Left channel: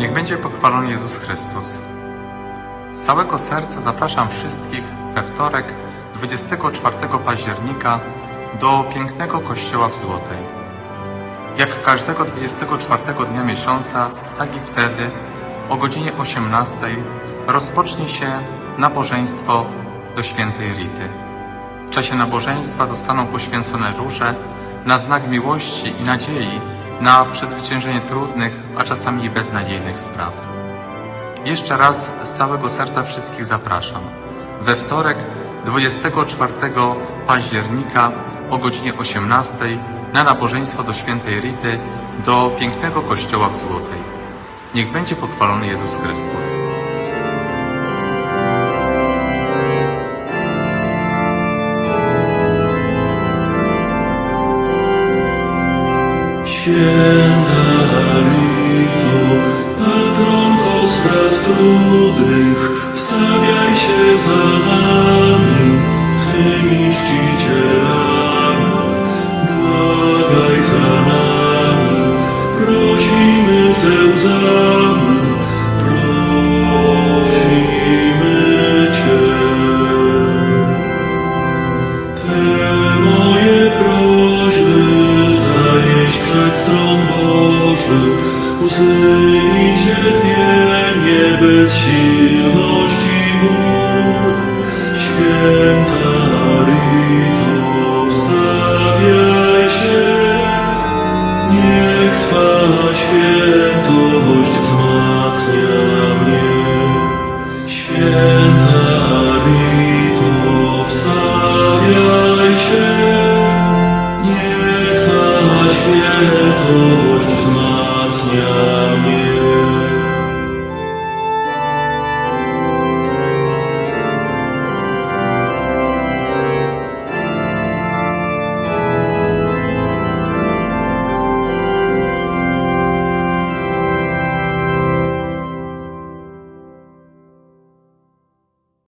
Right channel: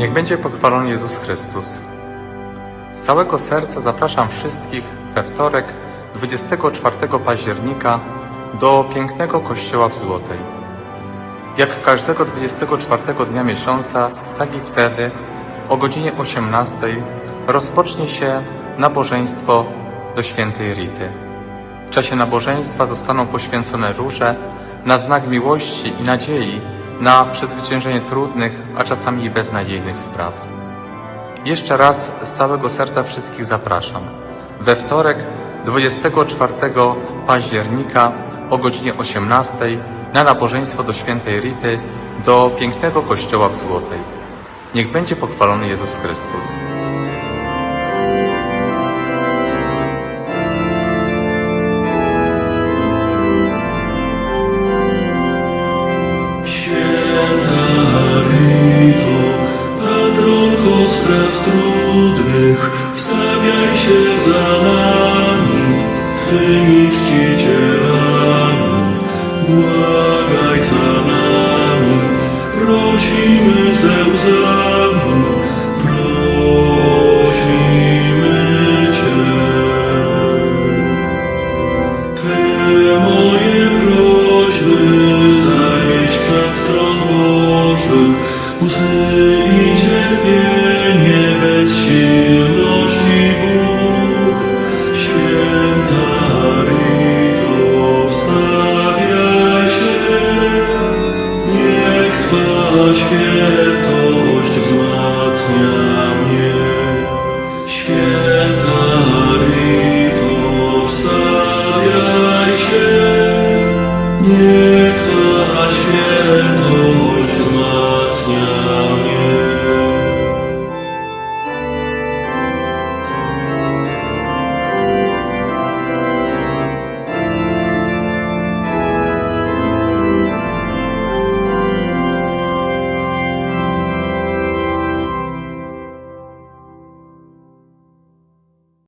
Niech będzie pochwalony Jezus Chrystus. Z całego serca zapraszam wszystkich we wtorek 24 października do pięknego kościoła w Złotej. Jak każdego 24 dnia miesiąca, tak i wtedy o godzinie 18 rozpocznie się nabożeństwo do świętej Rity. W czasie nabożeństwa zostaną poświęcone róże na znak miłości i nadziei na przezwyciężenie trudnych, a czasami i beznadziejnych spraw. Jeszcze raz z całego serca wszystkich zapraszam. We wtorek 24 października o godzinie 18 na nabożeństwo do świętej Rity do pięknego kościoła w Złotej. Niech będzie pochwalony Jezus Chrystus. Święta Rito, patronko spraw trudnych, wstawiaj się za nami, Twymi czcicielami, błagaj za nami, prosimy ze łzami, i cierpienie, bezsilność i ból. Święta Rito, wstawiaj się, niech Twa świętość wzmacnia mnie. Święta Rito, wstawiaj się, niech Twa świętość